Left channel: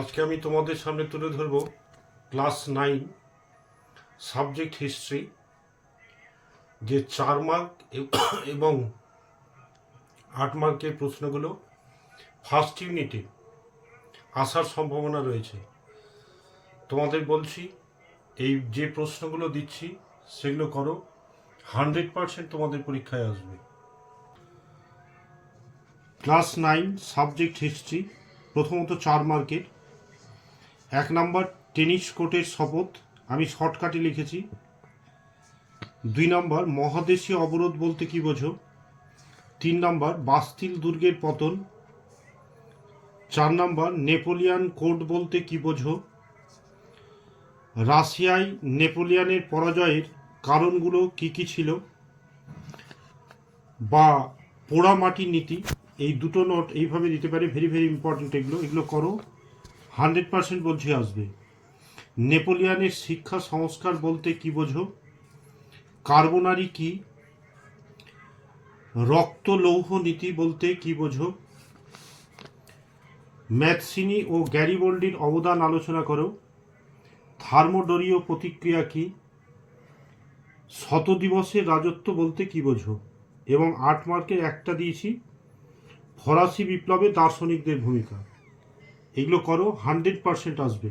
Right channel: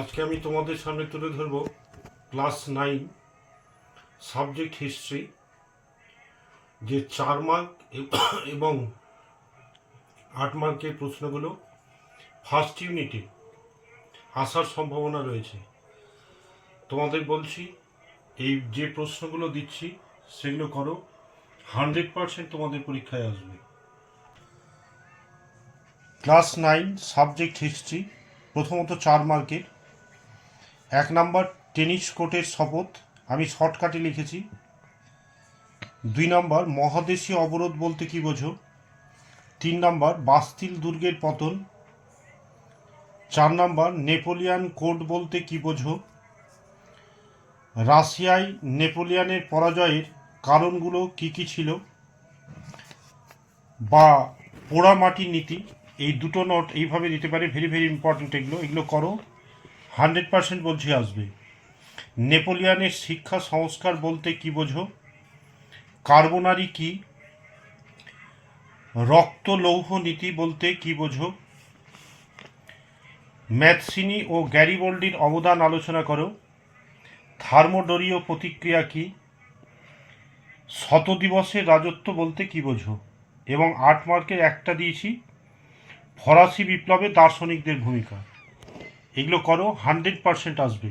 আজকে আমি তোমাদের সামনে তুলে ধরব ক্লাস 9 সাবজেক্ট হিস্ট্রি, যে 4 মার্ক এবং 8 মার্কের প্রশ্নগুলো ফার্স্ট ইউনিটে আসার সম্ভাবনা রয়েছে। তোমাদের বলছি, এই যে প্রশ্নগুলো দিচ্ছি সেগুলো করো, 100% তোমাদের পরীক্ষায় আসবে। ক্লাস 9 সাবজেক্ট হিস্ট্রি, প্রথমত 4 মার্কের। 1 নাম্বার টেনিস কোর্টের শপথ, আমি শর্টকাটে লিখেছি। 2 নাম্বার মহাদেশীয় অবরোধ বলতে কি বোঝো। 3 নাম্বার বাস্তিল দুর্গের পতন। 4 নাম্বার নেপোলিয়ান কোড বলতে কি বোঝো। রাশিয়ায় নেপোলিয়ানের পরাজয়ের কারণগুলো কি কি ছিল, বা পোড়ামাটির নীতি। এই দুটো নোট এইভাবে দিতে পারে, ভেরি ভেরি ইম্পর্টেন্ট। এগুলো করো, 100% বলছি আসবে। নেপোলিয়ানের শিক্ষা সংস্কার বলতে কি বোঝো। কার্বোনারি কি। রক্ত লৌহ নীতি বলতে কি বোঝো। ম্যাথসিনি ও গ্যারিবল্ডির অবদান আলোচনা করো। থার্মোডোরীয় প্রতিক্রিয়া কি। শতদিবসের রাজত্ব বলতে কি বোঝো। এবং 8 মার্কের একটা দিয়েছি, ফরাসি বিপ্লবে দার্শনিকদের ভূমিকা। এগুলো করো, 100% আসবে।